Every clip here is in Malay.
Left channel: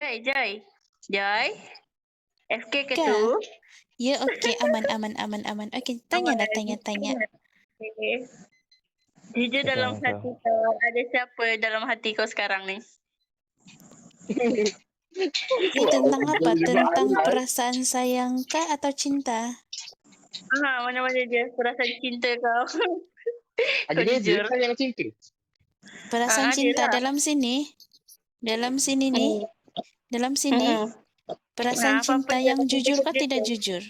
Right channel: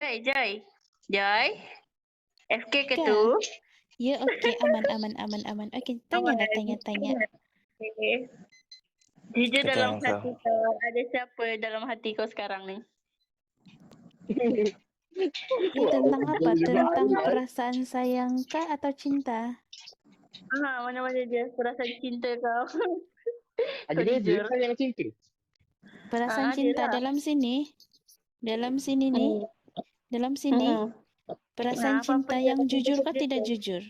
Joy. Joy. FK ke Kak. tu? Ya, okey. Aman. Okey, tanyalah, tanya. Okay. Jujur Kita dalam tanya hati kau, ada siapa dalam hati kau sekarang ni? Ini tentang apa? Tentang perasaan sayang kah atau cinta? Mana-mana dia perasaan cinta kau. Ada Kau dia jujur. kan yang cinta. Perasaan cinta adalah. dalam sini. Dalam sini ni. Dalam sini. Perasaan cinta yang jujur kah tidak jujur?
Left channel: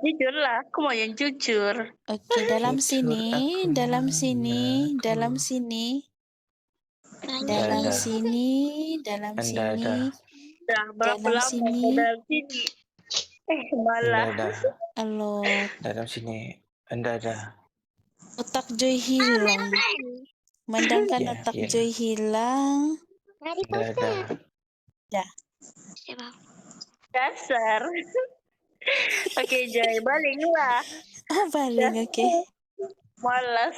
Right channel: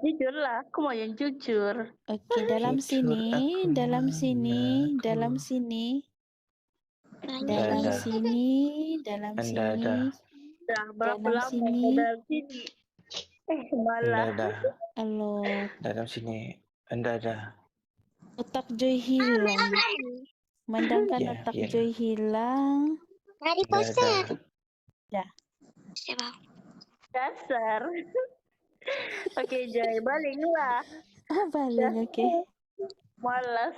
Jujur lah. Aku mau yang jujur. Okey, dalam Jujur sini, aku dalam sini, mengaku. dalam sini. Dalam Dah. sini, dalam Anda sini. dah. Dah berapa Dalam lama sini. kau dalam sini? Anda Malas. dah. Allah, Dalam sini. Anda dah. otak Joy hilang. Mandangkan Ya, otak ya. Joy hilang. Anda dah. Dah. Dasar. Okey Joy, balinglah. Oh, baling, okey. Malas.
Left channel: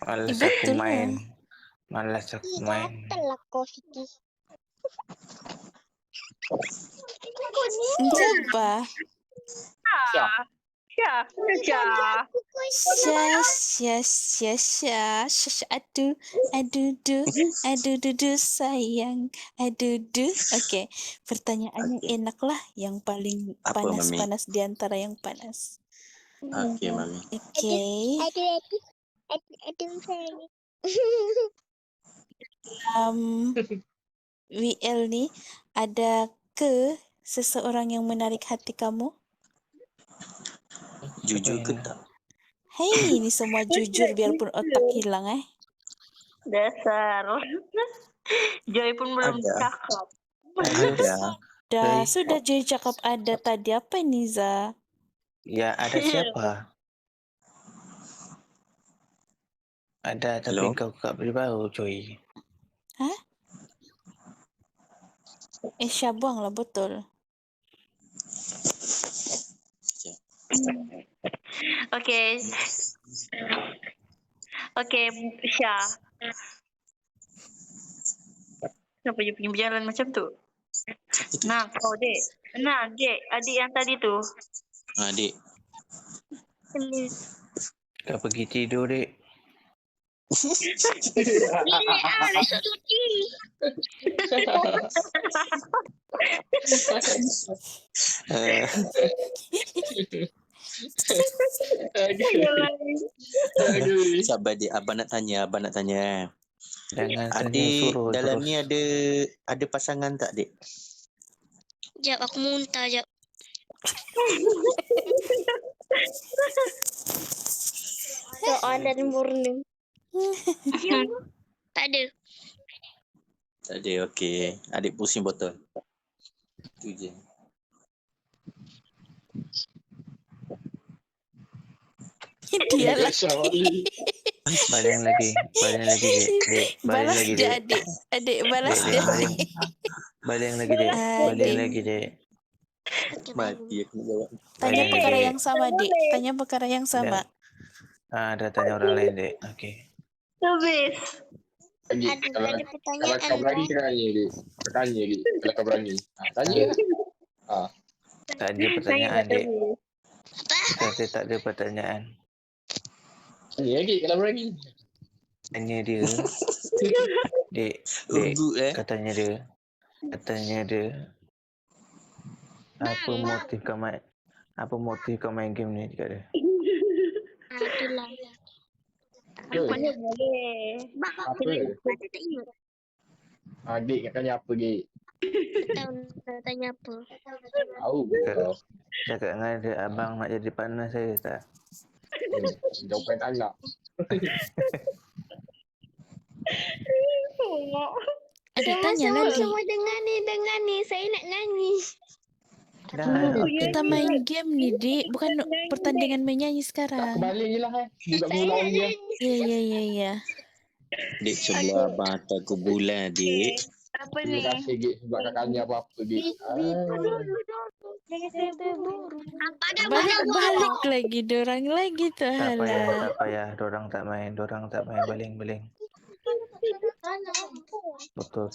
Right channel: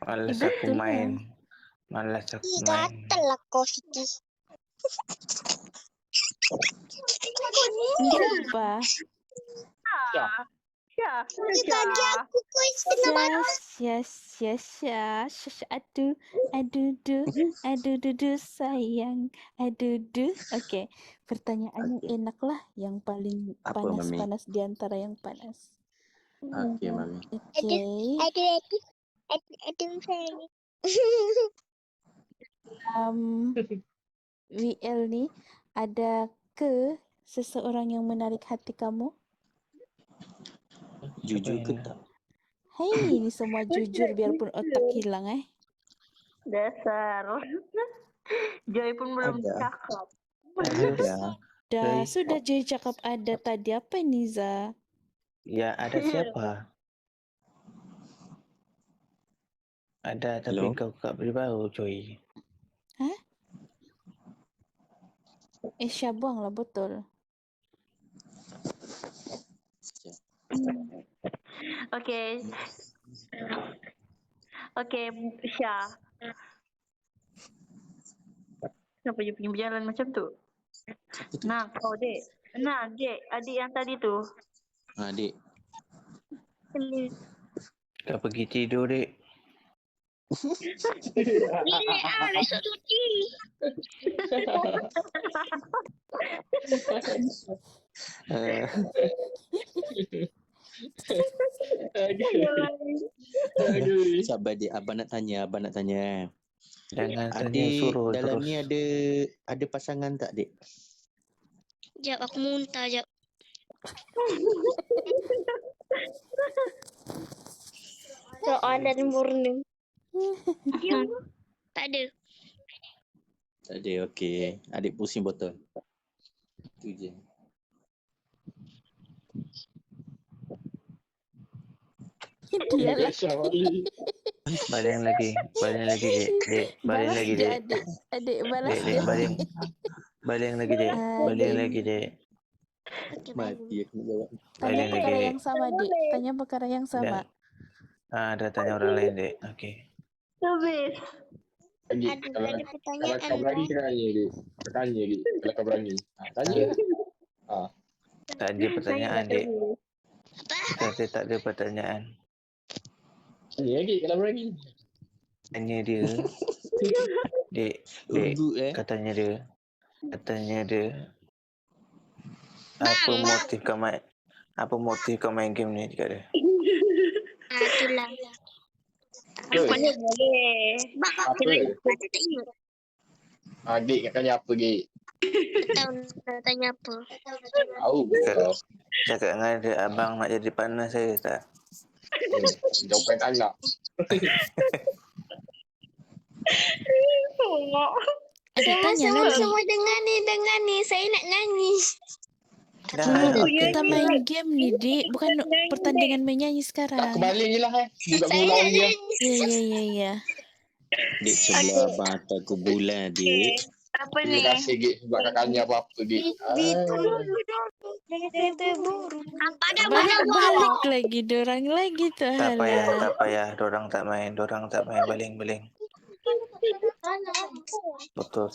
Malas Betul aku lah. main. Malas aku main. Gatal kau Siti. Siapa? Syah. Aduh, sayang. Aduh. Okey, pertanyaannya enak lah. Yang paling Apa, panas-panas di antara yang panas. Okey, Mami. Okey. Aduh sayang. WL ni, ada ke seseorang yang menarik hati kamu? Jujur ke tak? Hei, ini semua jujur biarpun otak hilang Dasar. Joy pun belum Ada. cakap. Ada. Dah, Hei. sudah Joy cakap ada tadi. Apa ni, Za? Ya, ada siapa? Ada, tapi Hello? kau tak beritahu, Joy. Syah buanglah botol. Okey. Okey, Syah. Kenapa dia punya berjalan macam tu? Nah, kau dek. Nah, dek. Adik yang tadi tu. Adik. Kau pergi tidur, dek. Besok cuti. Aduh. Sabar dik, abang nak tanya. Jangan tanya Adik suruh dalam terus. ni ada pasangan tak, dik? Jap aku muntah jap. Doa dan murni. Tak ada. Tak ada, okey. Adik pusing botol. Itu je. Dia lah. Baling lagi, dek. Dek, baling Balas lagi, dia, dek. adik. Balas Dek, dia. baling. Baling lagi, dek. Baling lagi, dek. Okey, Mati aku nak jawab. Tanya Baling perkara lagi. yang sama, Dik. Tanya perkara yang sama. Dah tanya orang lain, dek. Okey. Habis. Adik, Aduh, kalau ada pertanyaan kau berani tanya dia. Kau tanya dia. Kalau kau berani. Tanya. Tak ada pertanyaan, dek. Tak ada pertanyaan. Tanya lagi kalau berani. Tanya dia. Dek, Urut katanya dia. Apa motif kau main game ni dekat dia? Itulah. Mana boleh. Apa? Kita tak ingat. Adik nak tanya apa, Dik? Tahu nak tanya apa. Tahu. Cakap dengan dia, abang nak jadi partner saya tak? Jawapan tak nak. Adik tanya lagi. Semua dengar ni. Saya nak nyanyi. Kita main game ni, Dik. Bukan pertandingan menyanyi Tak sekarang. kebalik je lah. Juga Saya bulan nak je. nyanyi. Ya. Dik sebelah abang atas ke bulan, dik. Apa ni? Terima kasih, Dik. Sebab kau tanya apa-apa, Dik. Balik lagi. Dorang lagi tu. Tak Halah. payah. Dorang tak main. Baling. Botol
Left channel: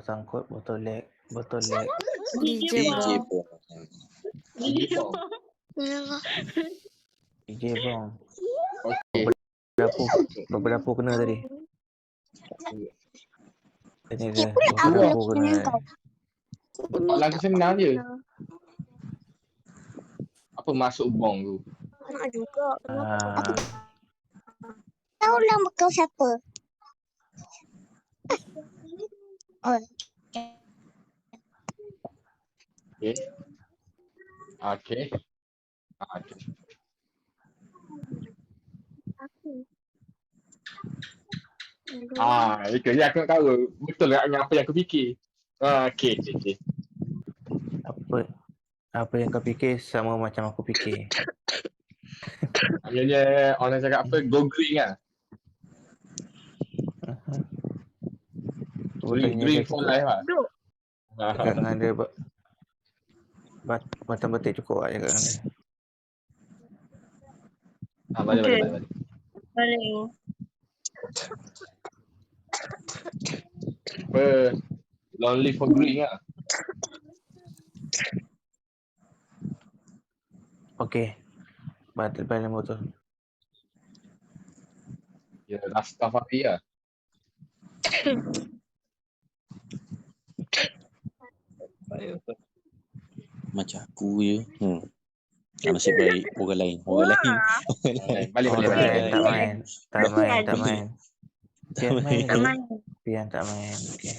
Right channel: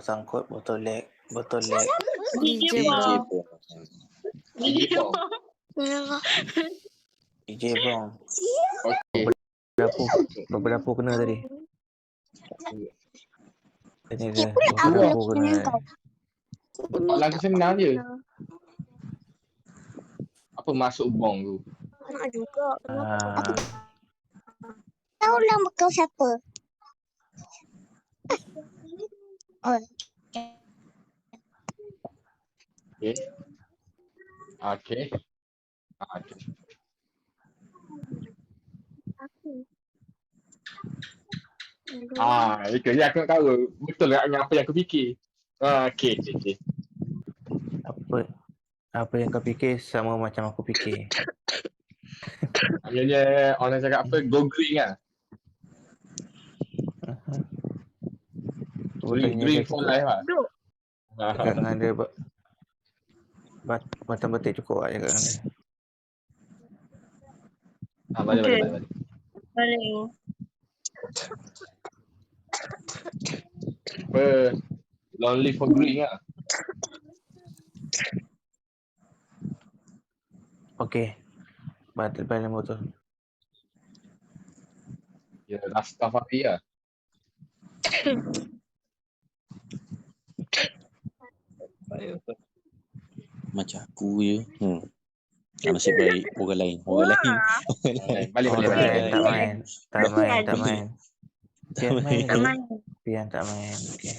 sangkut, botol leg, botol leg. DJ DJ Bong. Bong. DJ Bong. Okey. Beberapa kena tadi. Tanya dia, Apa? beberapa kena. Lagu senang je. Apa masuk bong tu? Nak juga. Ah, Tahu nama kau siapa? Oh, Okey. Okey. Okey. Itu je aku nak tahu. Betul tak dengan apa yang aku fikir? Okey. apa yang kau fikir sama macam aku fikir. Akhirnya orang cakap apa? Go green lah. Green for life lah. Duk. Cakap dengan dia macam betik cukup lah cakap dengan dia. Okey. Balik. Paling. Apa? Lonely for green lah. Okey. Balik botol. Ya, Rastafari lah. Macam aku je. Nasib baik orang lain. Orang lain. Balik. Tak main. Pian main je. Aman. Pian tak main. Okey.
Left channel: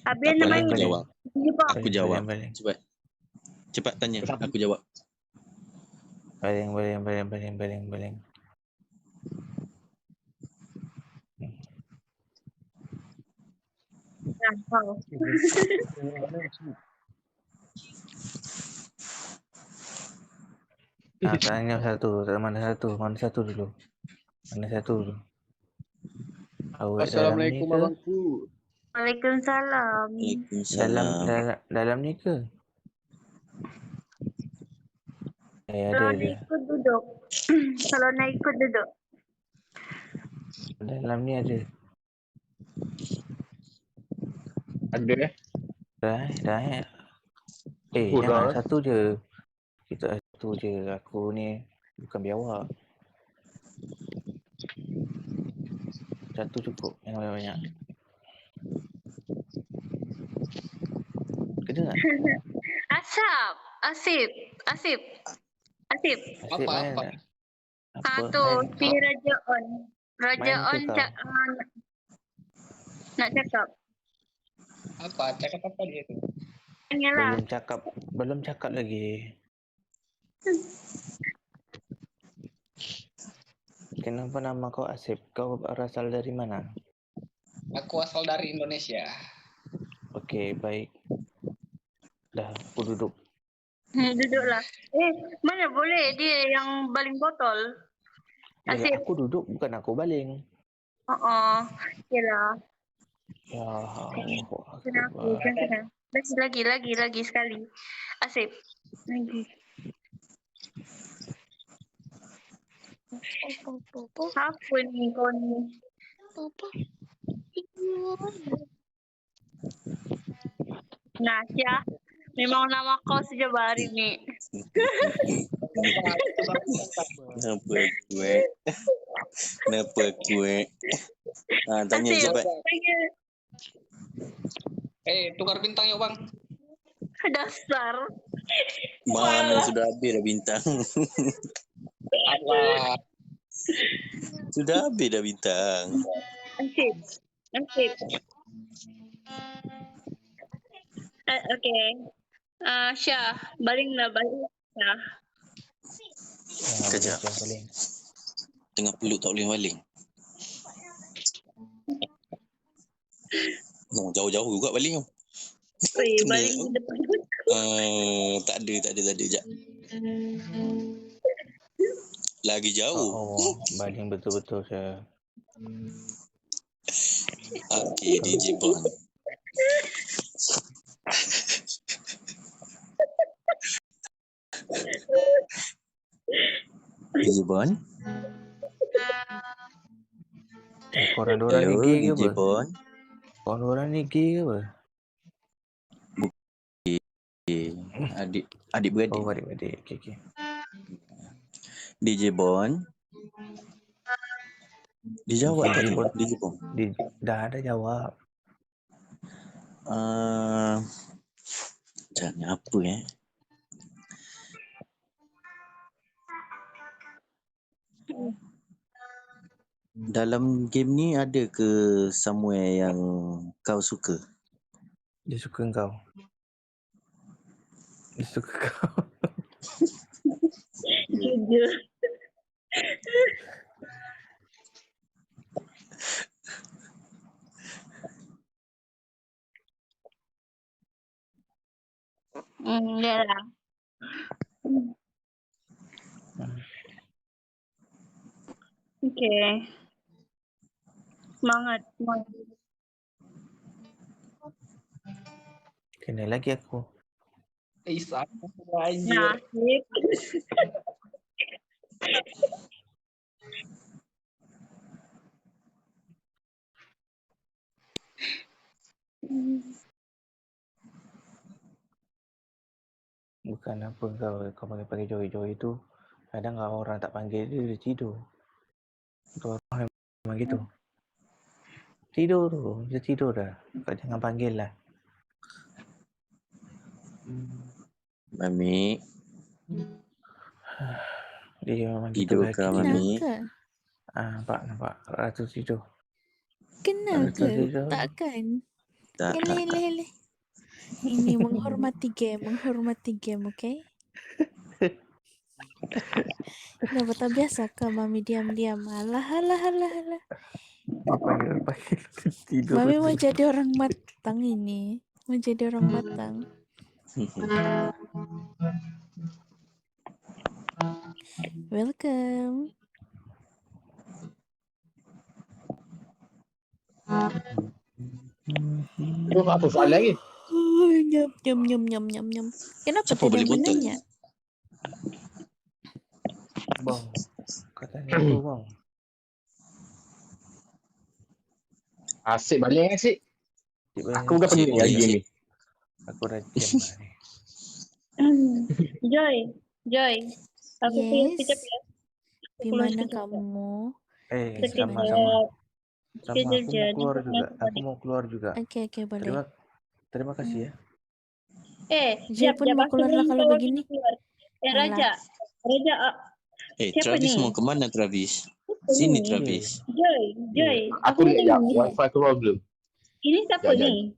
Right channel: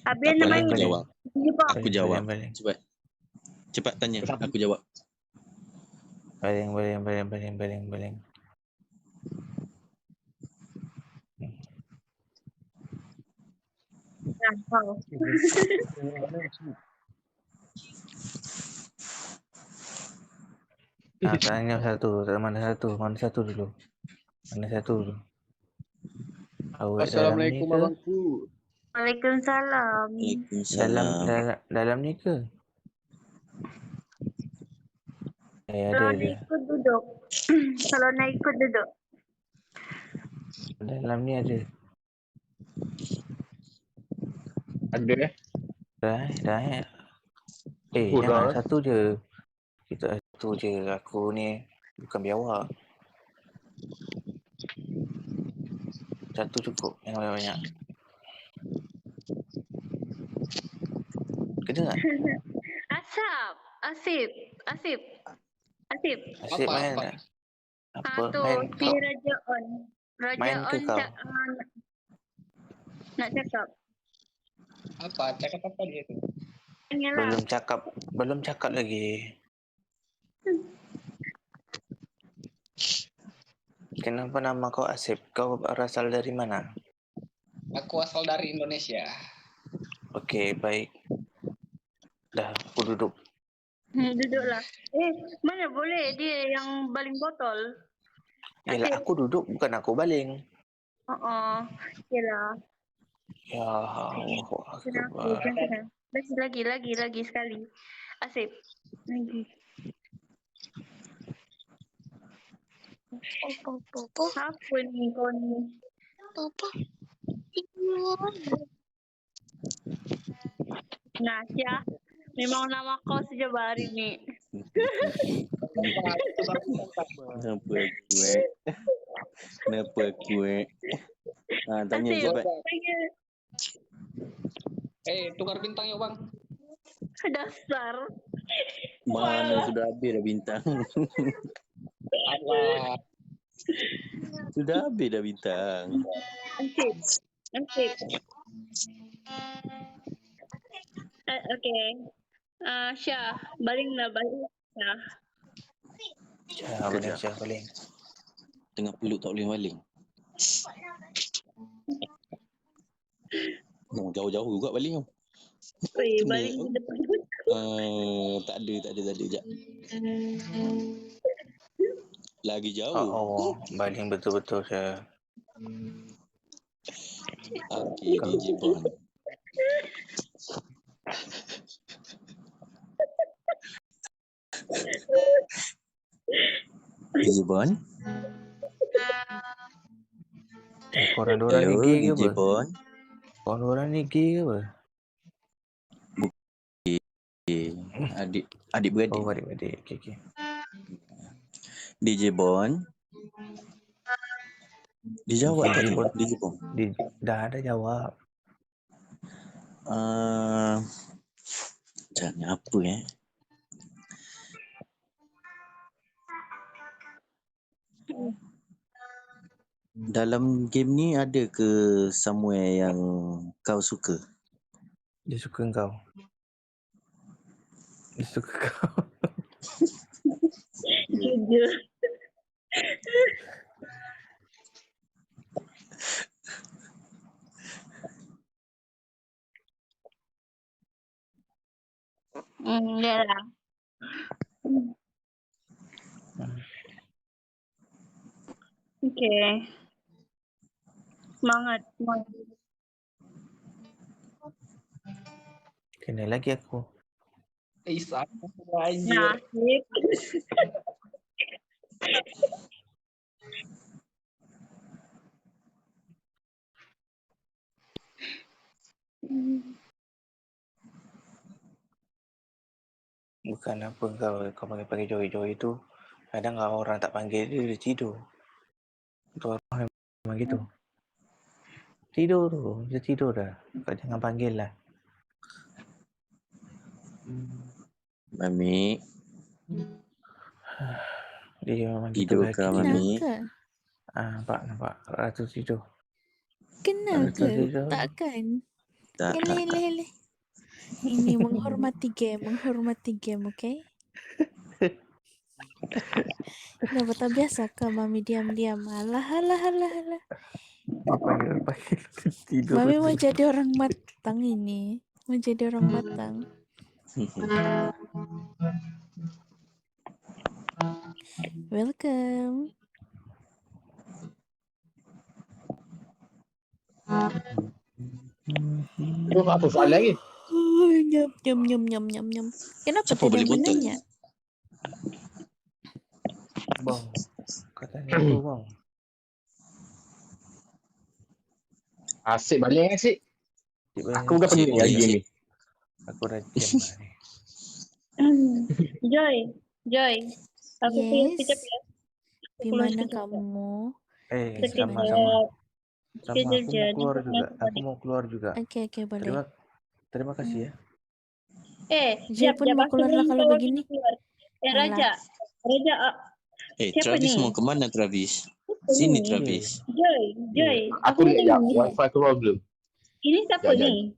Habis Tak apa, nama aku balik. jawab. Aku jawab. Balik. Cepat tanya. Aku jawab. Baling. kau. Tanya satu. Mana satu dulu. Awak dalam ni Assalamualaikum ke? abangku. Waalaikumsalam. Waalaikumsalam. Dalam ni ke? Kalau Ada. nak ikut duduk. Kalau nak ikut duduk. Dalam ni ada. Ada Dah. Oh, Jangan dah. satu je. Kita satu je. Aku ni bukan biawak. Satu cukup. Jangan banyak-banyak. Kena tak? Asip. Asyik Apa? main tak? Apa? Tu Main. si Raja On. Raja Main ke On kau? nak cakap. Apa? Cakap apa dia tu? Tanyalah. Belum cakap lagi. Kenapa nama kau Asip? Kau berasal dari mana? Aku asal dari Indonesia. Okey, baik. Dah, aku duduk. Duduklah. Mana boleh dia yang baling botol. Yelah, Asip. aku duduk bukan aku baling. Yalah. Ya Allah. Kena. Lagi sekali. Asip. Lagi. Apa ni kau ni? Nah, Syah. Memang nama kau sejak hari ni. Kenapa aku tanya Asip. cepat. Tukar bintang yuk bang. Dasar. Mana sudah habis dah bintang. Allah. Sudah habis dah bintang. Asip. Okay. Syah. Balinglah. Syah. Malaysia baling. Tengah peluk tak boleh baling. Jauh-jauh juga baling tu. Baling di depan. Tak ada. Sekejap. Lagi jauh. Baling betul-betul saya. Okey, DJ Bond. DJ Bond. Korang dorang ni Hello, gay ke DJ apa? Bon. Korang dorang ni gay ke apa? Adik beradik. Oh, adik-adik. Okay. DJ Bon. Dijawab DJ tadi Bon. DJ Bon. Dah ada jawab. Jangan apa Dalam game ni ada ke somewhere yang kau suka? Dia suka kau. Dia suka kau. Jujur. Ya lah. Okay. Semangat. Kena lagi aku. Sama aja. Nasib. Bukan apa kau panggil Joy tu. Kadang kalau orang tak panggil dia tidur. Tu orang memang gitu. Tidur tu. Dia tidur dah. Kau jangan panggil lah. Mami, Dia memang gitu tidur lah. ke Mami? Kenapa? Nampak. Ratu tidur. Kenapa? tidur. Takkan. Tak. Hele. Ini menghormati game, okay? Kenapa tak biasa ke Mami diam-diam? Alah. Dia panggil tidur. Mami mau jadi orang matang ini. Mau jadi orang matang. Welcome. Itu apa soalan lagi? Nyam. Kenapa Siapa tidak beli botol? menanya? Bang. Katanya apa bang? Asyik balik asyik. Aku bukan Asyik penting balik, lagi asyik. ni. Aku dah jam lah ni. Joy. Aku keluar Yes. sekejap ya. Di Keluar mana sekejap. kamu? Sama. Sekejap je. Aku mau keluar Nanti juga. aku Aku mau keluar juga. Oke, boleh. Terima kasih ya. Joy pun mau keluar lah kalau begini. Raja. Siapa Travis ni? mau kemana Travis? Sini Travis. Joy. Aku lihat tanya. wifi aku problem. Ini siapa Sekejap, ni?